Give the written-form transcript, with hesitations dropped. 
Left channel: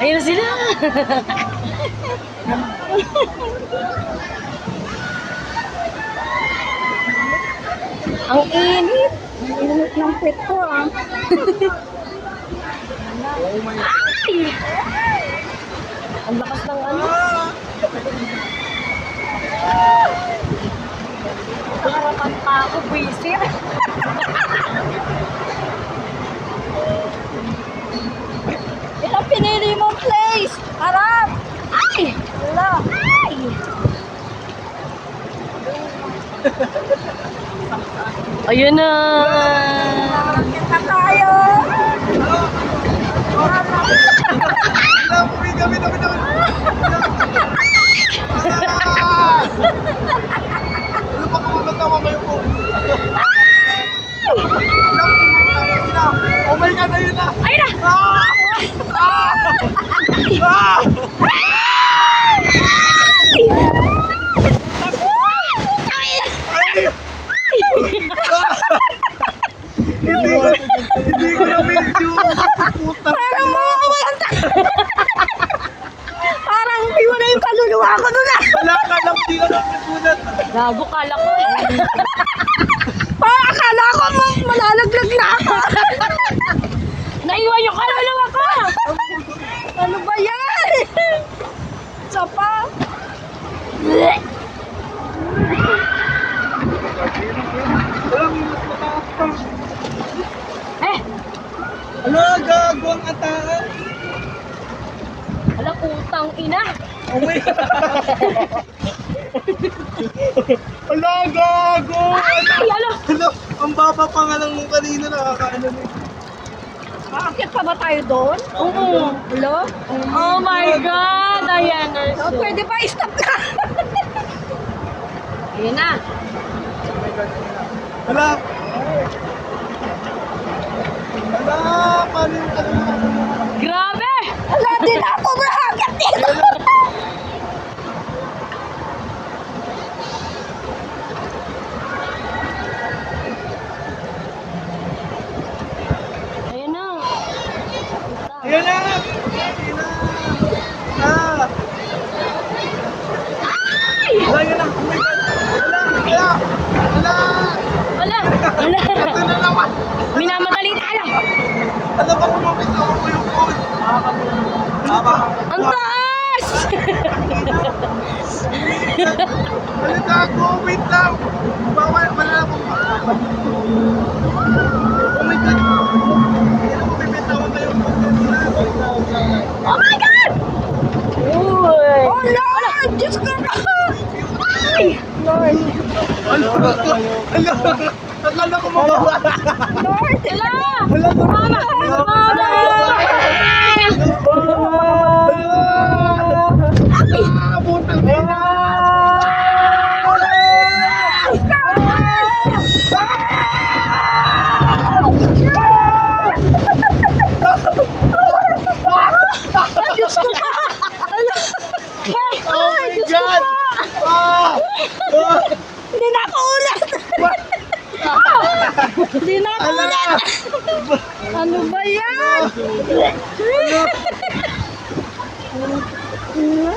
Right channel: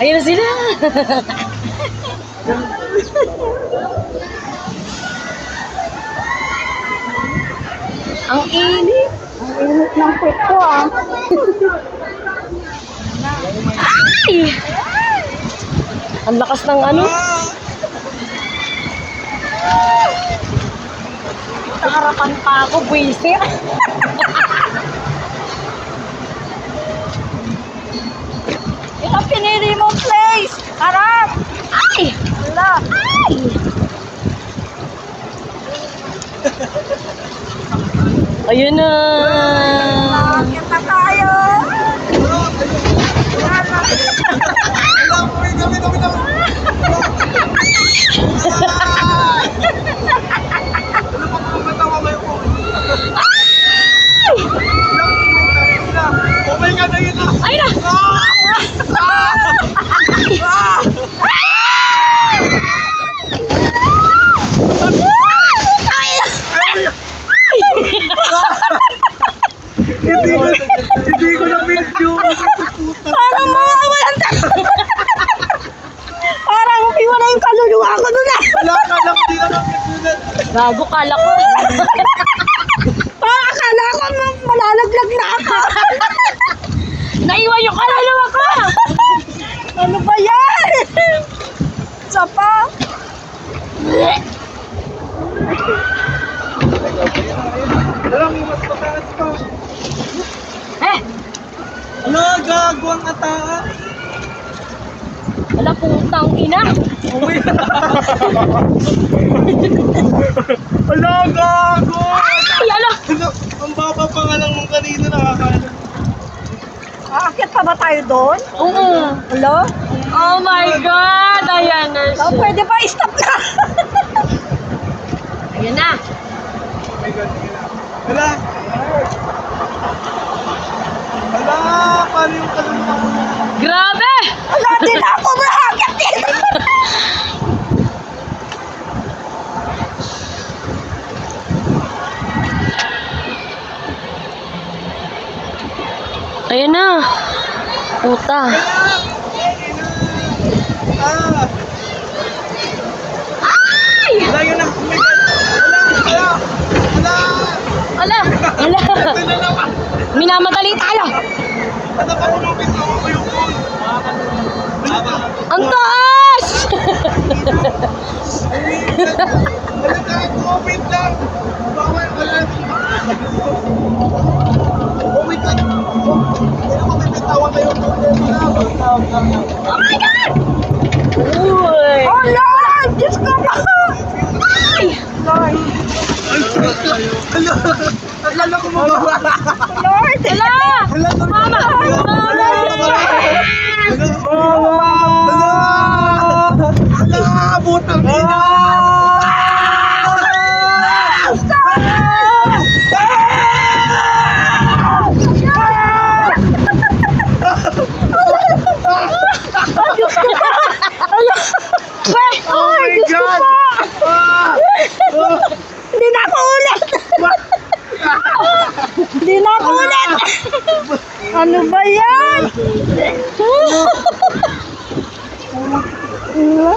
Ayun na sila. Ang init. Ang init ng puwet ko ah. Ay! Ang lakas ng ano. Sa harapan pa ako, buwisit. Yan ang pinili mong place. Harap. Ay! Wala. Ay! Ayun na. Bakit na tayo? Oh my God, ayun na! Ayun na. Hindi ko na video. Puta. Parang mawawalan ka. Parang iwan na yung kaluluwa ko doon ah. Wala ka lang, hindi ka lang nagulat. Gago, kala ko. Parang akala ko malalaglag na ako. Naiwan yung kaluluwa ko. Ano ba yan? Isa pa. Alam mo, mas mataas pa. Eh, Ano, gago ang ata? wala putang ina. Oh my God. Ala, gago! Ay, ala. Ano, ang baba pa nga lang nung kanina, nakakaano na. Aakyat pa ba tayo doon? Oo. Hello? Oh my God. Ayan na Oh, siya. pwede ba stop na? Ayan na. Oh my God, yun na. Hala! Hala, paano yung kaluluwa mo? Grabe. Wala din ako maakyat dito. Ayan na. Puta. Yan na! Yan na! Ah! Ay! Wala, yun na! Oh my God! Wala! Wala! Wala! Ala. Ala. Ito na naman! Minamadali tayo. Ano ba kung lumit ako ko yung phone? Ang taas. Ano gago? Wait lang! Bawal! Wala na pong oh my God! Kaya mo bibitawan kayo ng problema na. Wag na. Oh my God. Uy. Oh Lord! Diyos ko ba? Ay. Lord! Hala! Akala ko mababa! Lord! Ala. Hala! Mama! Butang ina! Diyos ko pa! Ano? Oh my God! Ah! Hindi na ako ulit! Hindi na ako ulit! Ano ba yan? Ano?